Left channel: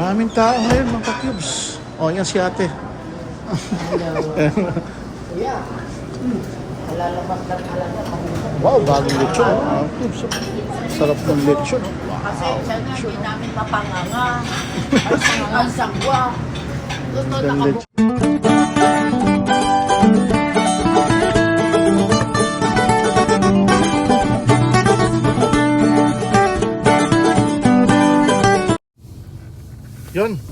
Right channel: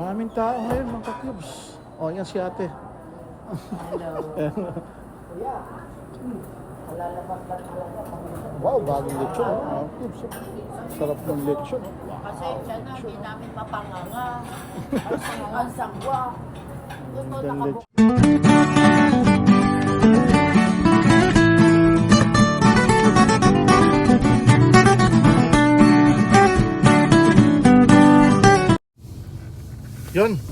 Maraming tao ngayon, mga ka-cubes. O, yan si ate. Wow, bagong lechon. Mga cubes. Sarap ng lechon. Kasi sana hindi namin mapanganga. Sanganga, sangwa. Doon doon Yun.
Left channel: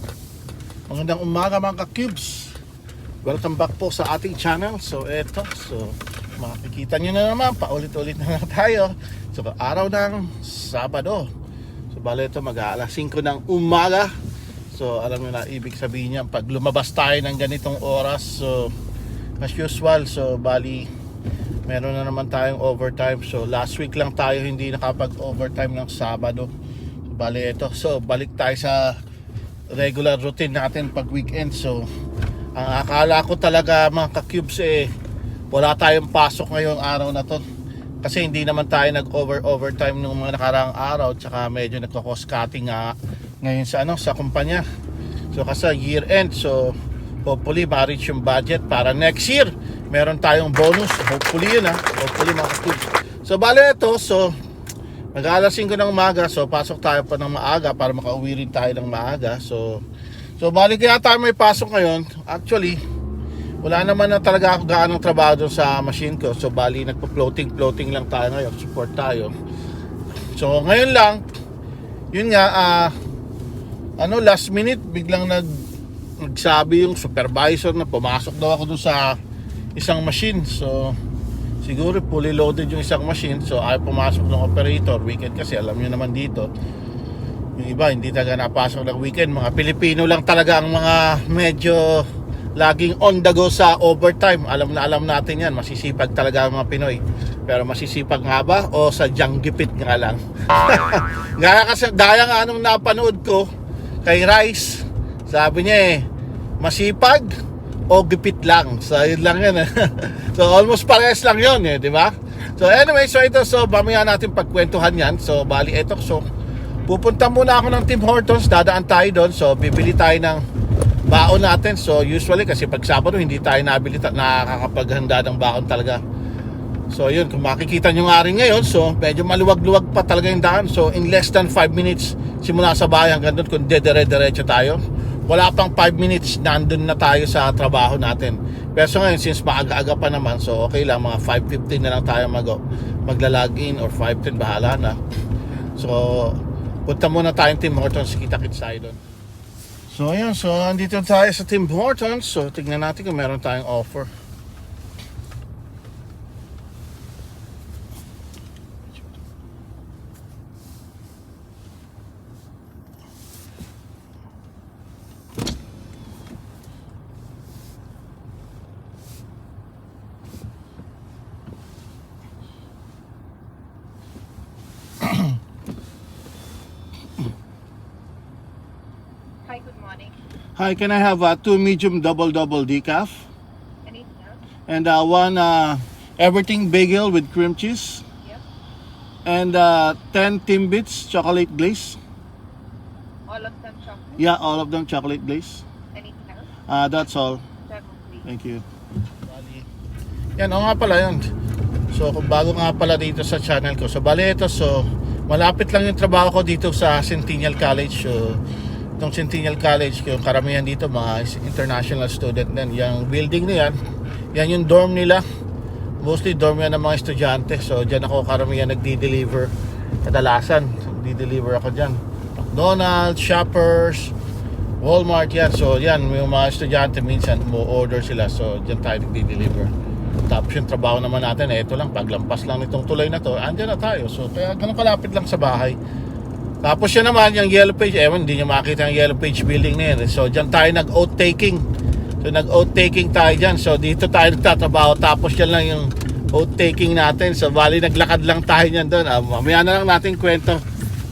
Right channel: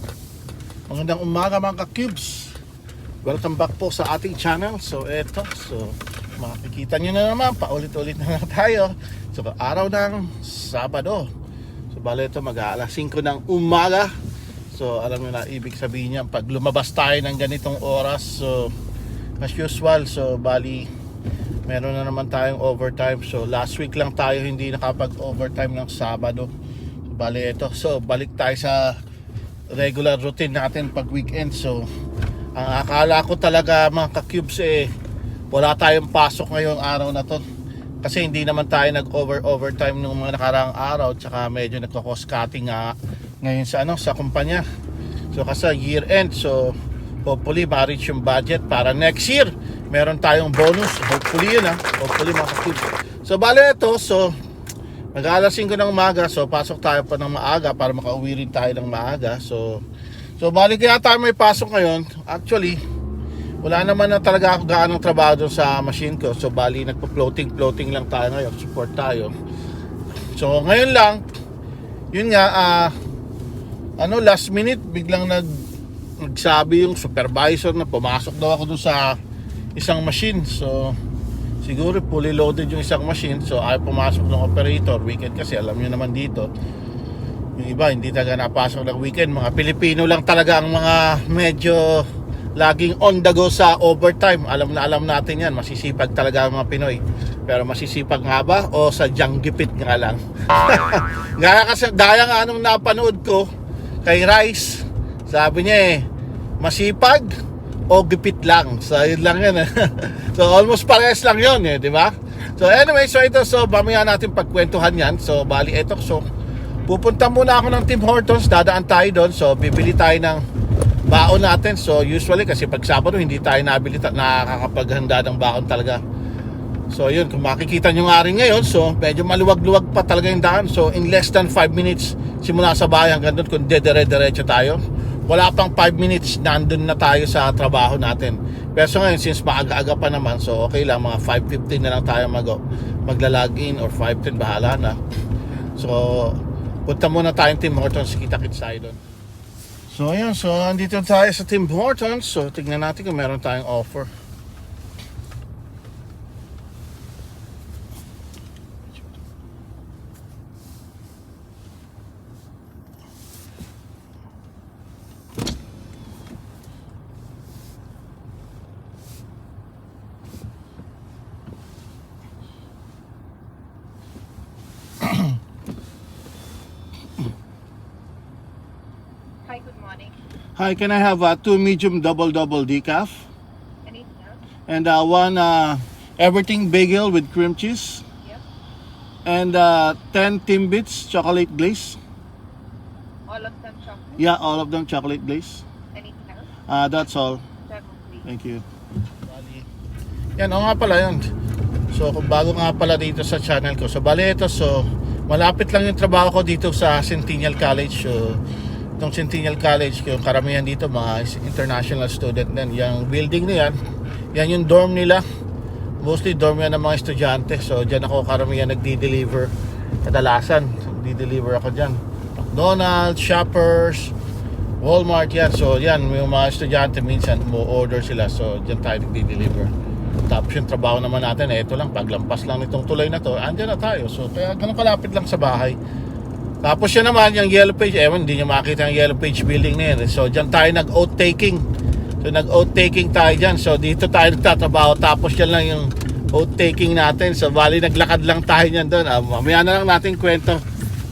Magandang umaga mga ka-cubes. Welcome back po sa ating channel. So eto, so makikita nyo na naman, paulit-ulit na lang tayo. So araw ng Sabado. So bale ito mag-aalas 5 ng umaga. So alam nyo na ibig sabihin niya pag lumabas tayo ng ganitong oras. So as usual, so bali meron na naman tayong overtime. So last week lang tayo hindi nakapag-overtime ng Sabado. So bali ito. So balik tayo sa regular routine natin pag weekend. So, ang akala ko talaga mga ka-cubes eh, wala tayong pasok ngayong araw na to. Kasi hindi naman tayo nag-over overtime nung mga nakaraang araw tsaka medyo nagko-cost cutting nga ngayon sa ano sa kumpanya. So kasi year end so hopefully ma-reach yung budget para next year meron tayong bonus. Hopefully yun ha. Hopefully mga ka-cubes. So bale ito so Mag-aalas 5 ng umaga, so pasok tayo pa ng maaga para makauwi rin tayo ng maaga. So, so bali kaya tayo may pasok ngayon. Actually, wala naman na talaga ako gaanong trabaho doon sa machine ko. So, bali nagpo-floating, floating lang tayo ngayon. Support tayo. So, ngayon lang, yun nga, ah, ano, last minute, biglang nag, nagsabi yung supervisor na pumasok daw ako doon sa isang machine. So, siguro fully loaded yung isang machine so ayaw pumasok ng operator. Weekend kasi alam nyo naman dito yung iba hindi talaga napasok ng weekend. Mga Pilipino lang talaga ang mga medyo laging on the go sa overtime. Alam na alam natin yan masisipag talaga ang mga Pinoy. Pero masisipag nga ba o sa gipit nga lang? Gaya kasi gaya nga anong napanood ko kay Rice sabi niya eh masipag o gipit lang. So, yun lang eh. so, almost parehas lang yun eh, di ba? So, anyway, so ito, so, mamaya natin pagkwentuhan yan. So, bali, ito, so, pupunta muna ako ng Tim Hortons, dadaan tayo doon. So, bibili tayo ng baon natin. So, usually, kasi pag Sabado, hindi tayo nabili, nakakapaghanda ng baon talaga. So, yun, kung makikita nyo nga rin ngayon, so, medyo maluwag-luwag pa talaga yung daan. So, in less than 5 minutes, simula sa bayan hanggang doon, kung dedere-derecho tayo, wala pang 5 minutes, nandun na tayo sa trabaho natin. Pero ngayon, since maaga-aga pa naman, so okay lang, mga 5.15 na lang tayo mag magla-login or 5.10, bahala na. So, punta muna tayong Tim Hortons, kita-kits tayo doon. So, ayun, so andito tayo sa Tim Hortons. So, tignan natin kung meron tayong offer. Hi, can I have uh, two medium double-double decaf? Anything else? And uh, one uh, everything bagel with cream cheese. Yep. And uh, 10 Timbits chocolate glaze. All of them chocolate. Yeah, all of them chocolate glaze. Anything else? Uh, that's all. Thank you. Yan, o nga pala yun. So, kung bago nga pala dito sa channel ko. So, bali ito. So, malapit lang yung trabaho ko dito sa Centennial College. So, itong Centennial College, yung karamihan dito, mga international student din. Yung building na yan, yan yung dorm nila. Mostly dorm yan ng mga estudyante. So, dyan ako karamihan nagdi-deliver. Kadalasan, nagdi-deliver ako dyan. McDonald's, Shoppers, Walmart yan. So yan, yung mga estudyante minsan mo order sila. So dyan tayo nagdi-deliver. Tapos yung trabaho naman natin, eh, ito lang, paglampas lang nitong tulay na to, andyan na tayo. So kaya ganun kalapit lang sa bahay. Tapos yan naman, yung yellow page, ewan, hindi nyo makita yung yellow page building na yan. So dyan tayo nag-oat taking. So nag-oat taking tayo dyan. So dito tayo nagtatrabaho. Tapos yan lang yung oat taking natin. So bali, naglakad lang tayo niyan doon. Ah, mamaya na lang natin kwento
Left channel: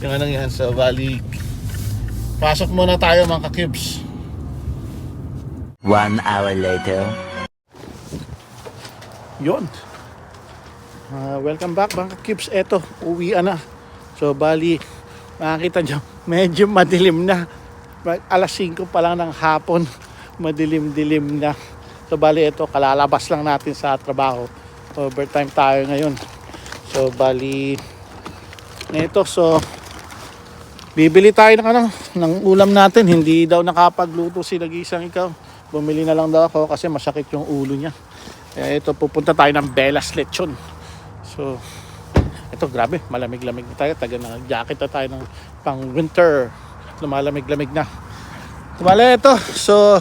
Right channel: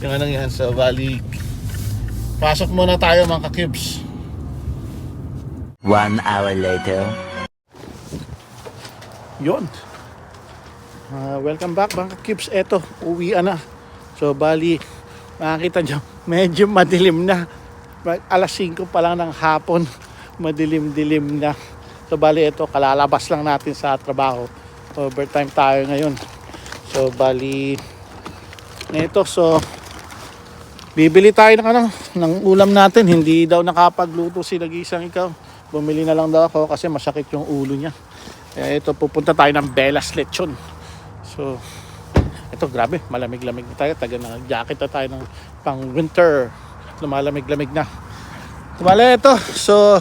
yung anong yan. So bali, pasok muna tayo mga ka-cubes. One hour later. Yon. Ah, welcome back mga kips. Eto, uwian na. So bali, makikita nyo, medyo madilim na. alas 5 pa lang ng hapon, madilim-dilim na. So bali ito, kalalabas lang natin sa trabaho. Overtime tayo ngayon. So bali, ito, so bibili tayo ng ano, ng ulam natin. Hindi daw nakapagluto si Nagisang ikaw. Bumili na lang daw ako kasi masakit yung ulo niya. Kaya ito, pupunta tayo ng Belas Lechon. So, ito grabe, malamig-lamig na tayo. Taga na jacket na tayo ng pang winter. Lumalamig-lamig na. Tumala ito. So,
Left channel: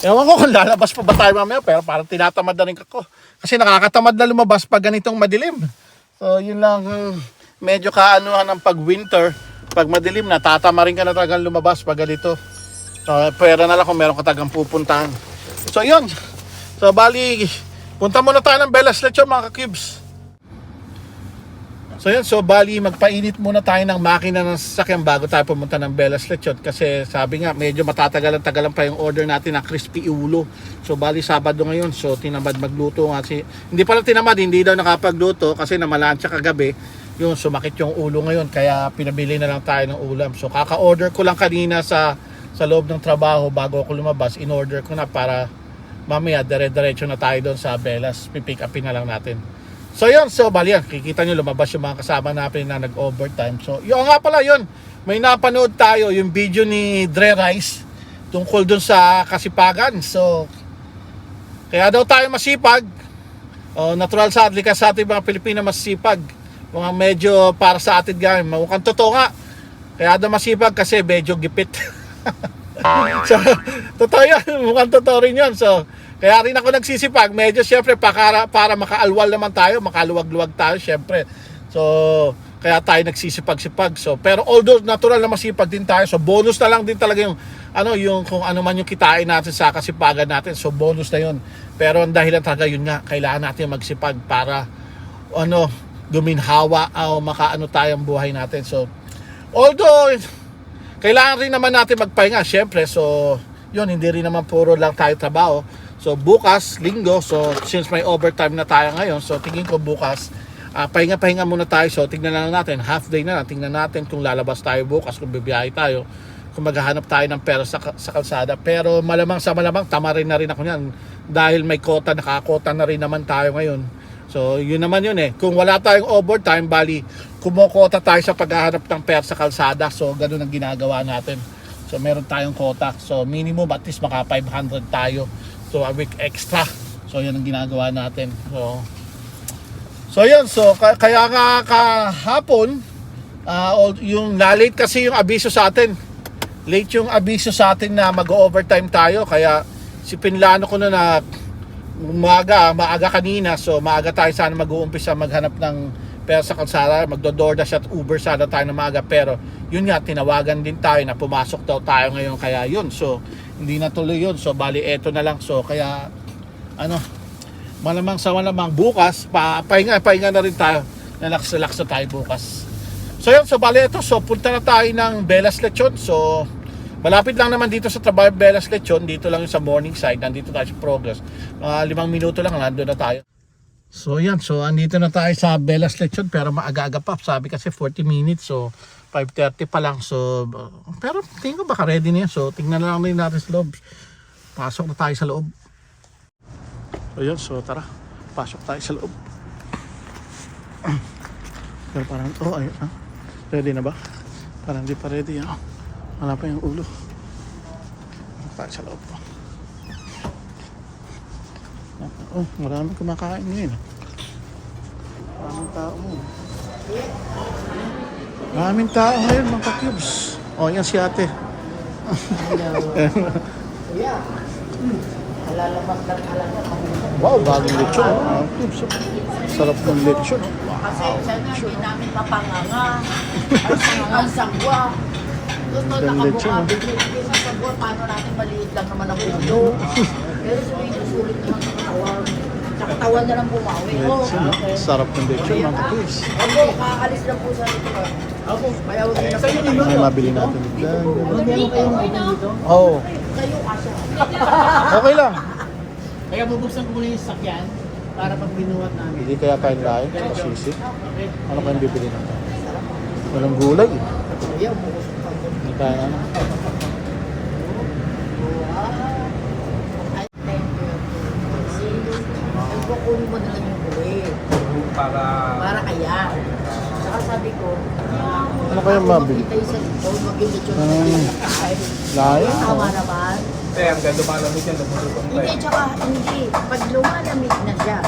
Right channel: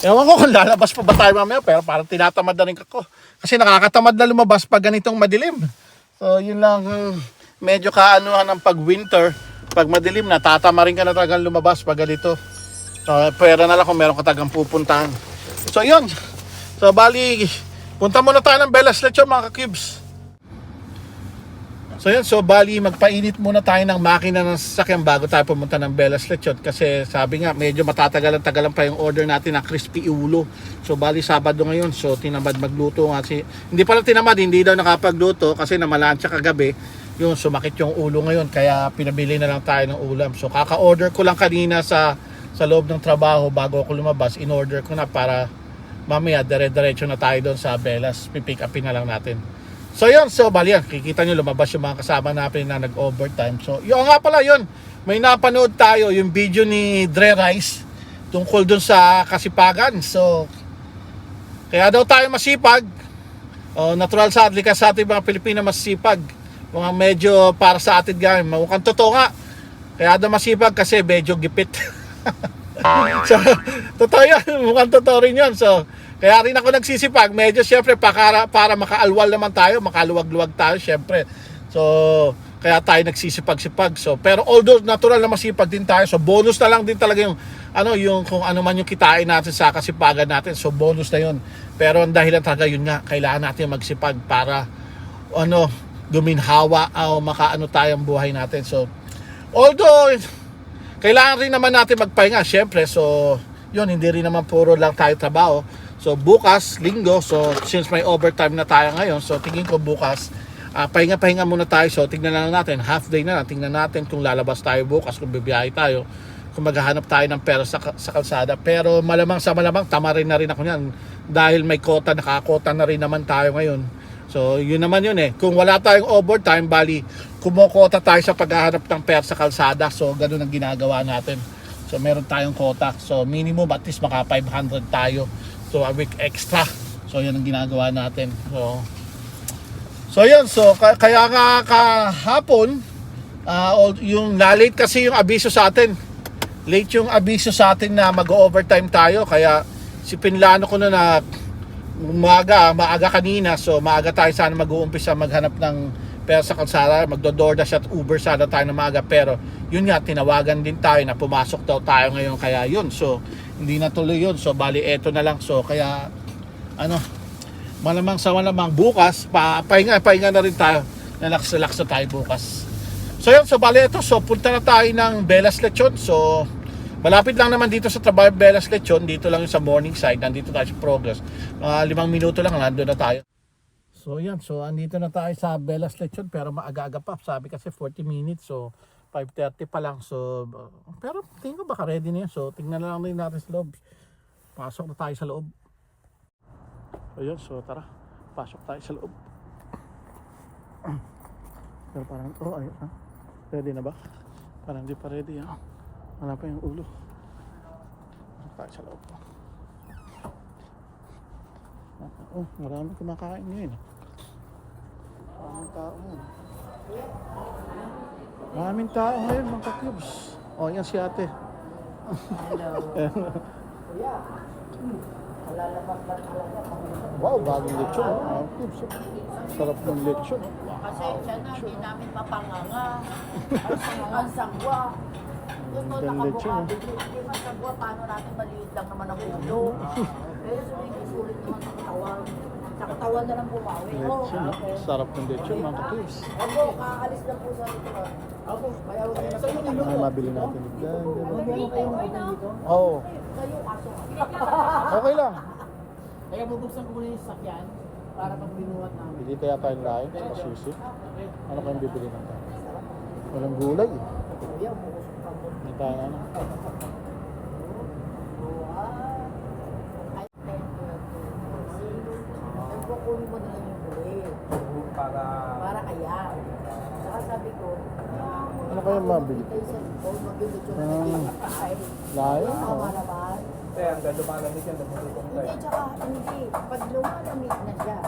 ewan ko kung lalabas pa ba tayo mamaya. Pero parang tinatamad na rin ako. Kasi nakakatamad na lumabas pag ganitong madilim. So, yun lang. hmm, Medyo kaanuhan ng pag winter. Pag madilim na, tatama rin ka na talagang lumabas pag ganito. So, pera na lang kung meron ka tagang pupuntahan. So, yun. So, bali, punta muna tayo ng Belas Lechon mga ka-cubes. So yun, so bali magpainit muna tayo ng makina ng sasakyan bago tayo pumunta ng Belas Lechon kasi sabi nga medyo matatagalan-tagalan pa yung order natin na crispy ulo. So bali Sabado ngayon, so tinamad magluto nga si hindi pala tinamad, hindi daw nakapagluto kasi namalansya kagabi yung sumakit yung ulo ngayon kaya pinabili na lang tayo ng ulam. So kaka-order ko lang kanina sa sa loob ng trabaho bago ako lumabas, in-order ko na para mamaya dire-diretso na tayo doon sa Belas, pipick upin na lang natin. So yun, so bali yan, kikita nyo lumabas yung mga kasama natin na nag-overtime. So yun nga pala yun, may napanood tayo yung video ni Dre Rice tungkol dun sa kasipagan. So kaya daw tayo masipag. Oh, natural sa atin kasi sa ating mga Pilipino masipag. Mga medyo para sa atin ganyan, mukhang totoo nga. Kaya daw masipag kasi medyo gipit. so, totoo yan. Mukhang totoo rin yun. So, kaya rin ako nagsisipag. Medyo syempre para, para makaalwal naman tayo, makaluwag-luwag tayo syempre. So, kaya tayo nagsisipag-sipag. So, pero although natural na masipag din tayo, so bonus na lang din talaga yung ano yung kung ano man yung kitain natin sa kasipagan natin. So, bonus na yun. Pero ang dahilan talaga yun nga, kailangan natin magsipag para ano, guminhawa o makaano tayong buhay natin. So, although kailangan rin naman natin magpahinga, syempre. So, yun, hindi rin naman puro lang tayo trabaho. So, bukas, linggo, so since may overtime na tayo ngayon, so tingin ko bukas, ah, pahinga-pahinga muna tayo. So, tingnan na lang natin, half day na lang, tingnan natin kung lalabas tayo bukas, kung bibiyahe tayo, kung maghahanap tayo ng pera sa, sa kalsada. Pero malamang sa malamang, tama rin na rin ako niyan. Dahil may kota, nakakota na rin naman tayo ngayon. So, yun naman yun eh. Kung wala tayong overtime, bali, kumokota tayo sa paghahanap ng pera sa kalsada. So, ganun ang ginagawa natin. So, meron tayong kota. So, minimum at least maka 500 tayo. So, a week extra. So, yan ang ginagawa natin. So, so yun. So, ka- kaya nga kahapon, ah, all- yung na-late kasi yung abiso sa atin. Late yung abiso sa atin na mag-overtime tayo. Kaya, si Pinlano ko na na umaga, maaga kanina. So, maaga tayo sana mag-uumpisa maghanap ng pera sa kalsada. Magdo-DoorDash at Uber sana tayo na maaga. Pero, yun nga, tinawagan din tayo na pumasok daw tayo ngayon. Kaya yun. So, hindi na tuloy yun. So, bali, eto na lang. So, kaya, ano, malamang sa malamang bukas, pa, pahinga, pahinga na rin tayo. Relax-relax na tayo bukas. So, yun. So, bali, ito. So, punta na tayo ng Belas Lechon. So, Malapit lang naman dito sa trabaho Belas Lechon, dito lang yung sa morning side, nandito tayo sa progress. Mga limang minuto lang, nandun na tayo. So yan, so andito na tayo sa Belas Lechon pero maaga-aga pa. Sabi kasi 40 minutes, so 5.30 pa lang. So, pero tingin ko baka ready na yan. So tingnan na lang din natin sa loob. Pasok na tayo sa loob. So so tara, pasok tayo sa loob. Pero parang, oh ayun, ah. ready na ba? Parang di pa ready, ah. Wala pa yung ulo. Tayo sa loob. Oh, marami kumakain ngayon. Maraming tao ngayon. Maraming tao ngayon, mga cubes. Oh, yan si ate. wow, bagong lechon. Mga cubes. Sarap ng lechon. Kasi sa hindi namin mapanganga. Ang sangwa, ang sangwa. Doon doon no? nakabunga. Sa sangwa, paano natin maliit lang naman ang ulo. Pero sulit sulit naman sa katawan. Sa katawan na lang bumawi. Lechon, no? Sarap ng lechon, mga cubes. Opo, kakaalis lang po sa ito. Opo, kaya huwag na kayo May mabili natin. Dyan, dito. Oo. Kayo kaso. Okay lang. Kaya bubuksan ko muna yung sakyan para pag binuhat namin. Hindi kaya tayo lahat sa sisi. Ano kayang bibili natin? Walang gulay. Hindi kaya para... Para kaya. Saka sabi ko, ano kaya mabili? Kita isa dito, mag-lechon hmm. Layo? Tama naman. Eh, hanggang lumalamig yan, lumulutong tayo. Hindi, tsaka hindi. Pag lumalamig na siya,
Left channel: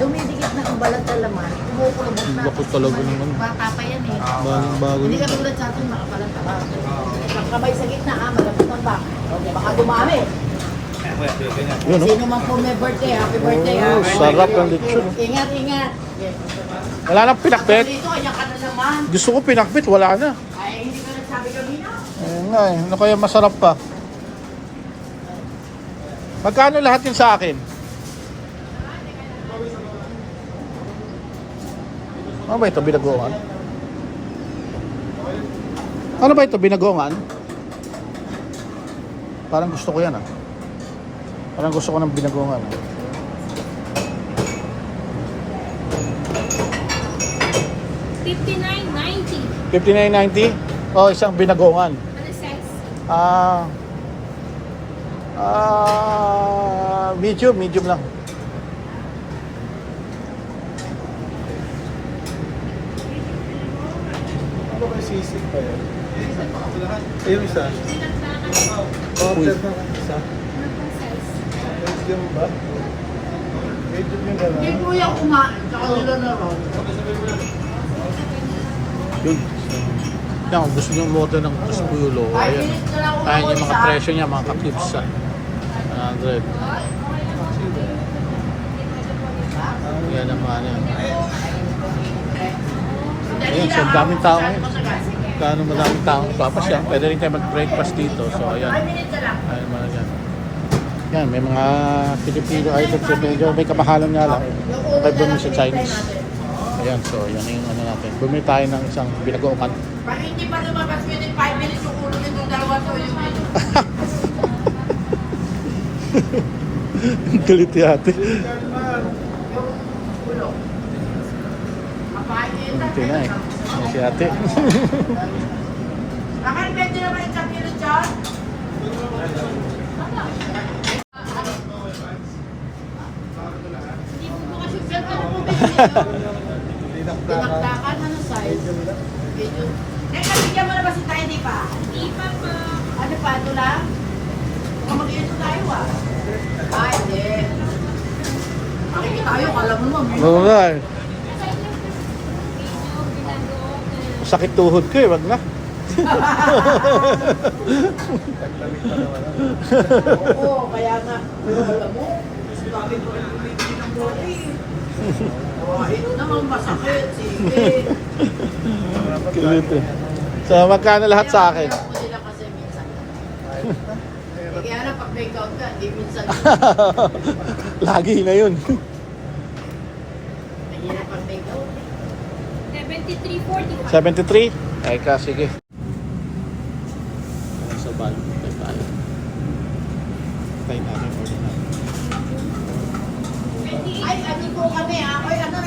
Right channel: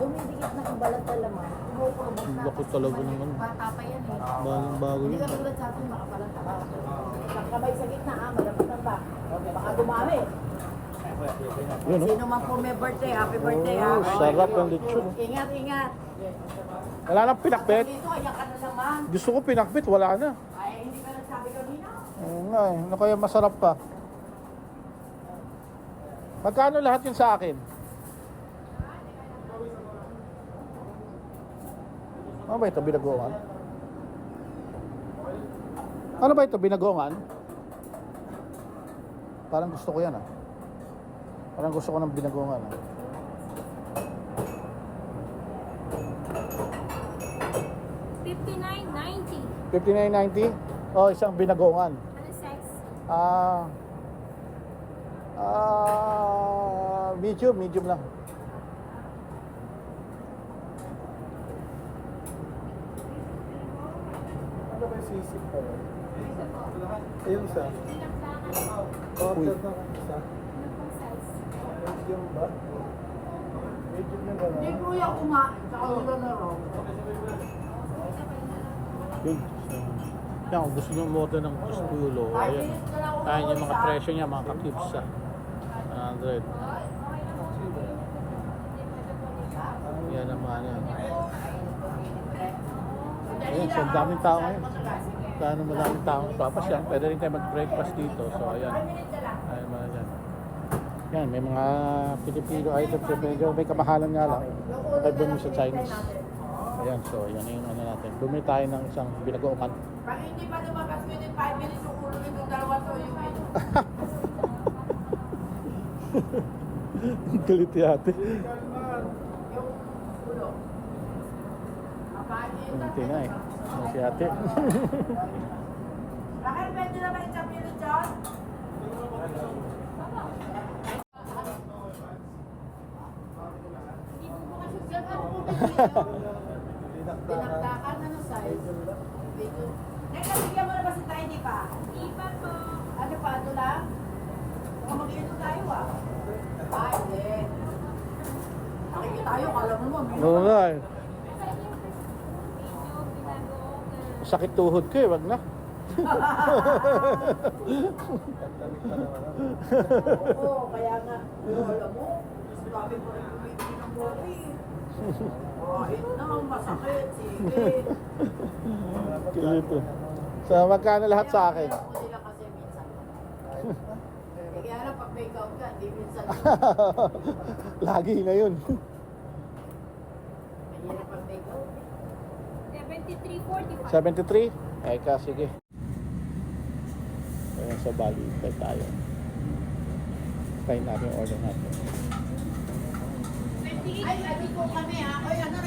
dumidikit na ang balat na laman, kumukulubog na. Bakot talaga naman. Bata pa yan eh. Ah, Bagong ah. bago. Hindi ka tulad sa atin, makapalat na ba? Ah. Ang kamay sa gitna, ah, malapit ang bak. Baka dumami. Yun, oh. Sino man po may birthday, happy birthday. Oh, ah. sarap ng lechon. Ingat, ingat. Wala nang pinakbit. Dito, ka na naman. Gusto ko pinakbit, wala na. Ay, hindi ka nagsabi kanina. Ayun nga eh. Ano kaya masarap pa? Magkano lahat yun sa akin? Ano ba ito, binagongan? Ano ba ito, binagongan? Parang gusto ko yan ah. Parang gusto ko ng binagongan ah. Fifty-nine ninety. 59.90? Oh, isang binagongan. Ano size? Ah. Ah, medium, medium lang. Ano ba yung sisig pa yun? Yung isa. Order na ng isa. Medium ba? Medium yung gano'n. Hindi ko yung kumain, tsaka nila na raw. Yun. Yan, kung gusto nyo umorder ng Tuspulo, Five ayan. Ayan yung mga presyo niya, mga kaklips sa 100. Yan ang mga ano yan. Ayan, so daming tao ngayon. Kano madaming tao papasya. Pwede rin tayo mag-breakfast dito. So ayan. Ayan mga yan. Yan, may mga Filipino items yun. Medyo may kamahalan nga lang. Doon lang sa Chinese. Ayan, so yan yung ano natin. Bumili tayo ng isang binagoongan. Pag hindi pa lumabas within 5 minutes yung ulo nitong dalawa to, yung medyo Galit yate. yun. Ito na eh. Yan si ate. Bakit pwede naman yung champion dyan? Hindi po bukas yung Saan ka Tinakdakan, ano size? Medium. Eh, kabigyan mo na ba si Tay, di pa? Hindi pa po. Ano pa, ito lang? Baka mag-iito tayo ah. Ah, hindi. Makikita tayo, kala mo naman. Oo nga eh. Medyo binago. Sakit tuhod ko eh, wag na. Oo, kaya nga. Pero alam mo, sabi ko rin bumibili ng body. Oh, naman masakit. Sige. Galit eh. So magkano lahat sa akin? Kaya nila kasi minsan. Eh, Kaya na pag make out ka, di minsan. Lagi na yun. Mahirap pag make out. 73.45. 73? Ay ka, sige. Sa ban, tayo tayo. Tayo tayo. Ay, ano po kami ha? Ay, ano,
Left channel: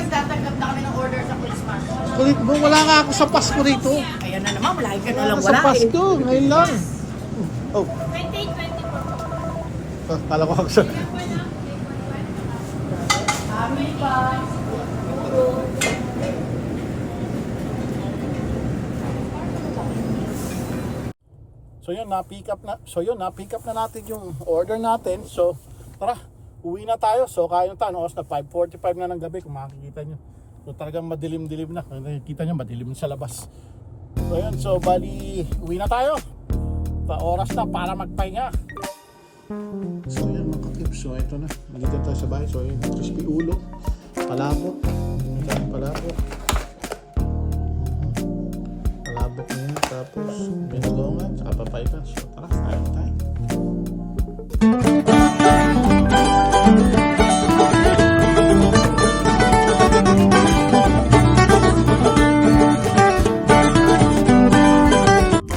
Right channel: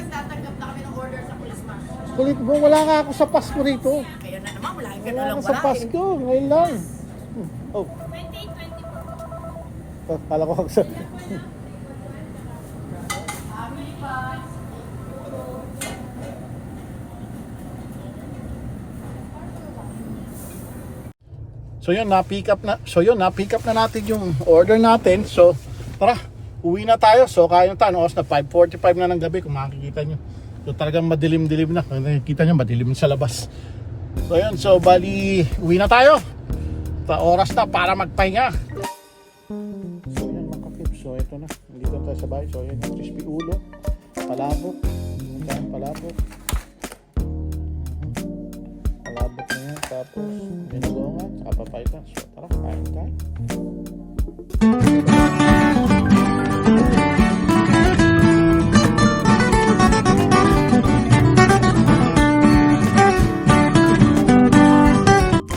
nagtatanggap na kami ng order sa Christmas. Kulit mo, wala nga ako sa Pasko rito. Ayan na naman, malaki ka na lang Sa wala eh. Pasko, ngayon lang. Oh, 28.24. kala ko ako sa... Kami pa. So yun, na-pick up na. So yun, na-pick up na natin yung order natin. So, tara, Uwi na tayo. So, kaya nyo tayo. Oras na 5.45 na ng gabi kung makikita nyo. So, talagang madilim-dilim na. Nakikita nyo, madilim sa labas. So, yun. So, bali, uwi na tayo. Ta oras na para magpahinga. So, yun mga. So, ito na. Nandito tayo sa bahay. So, yun. Crispy ulo. Palabo. Palabo. Palabo. Tapos, yun.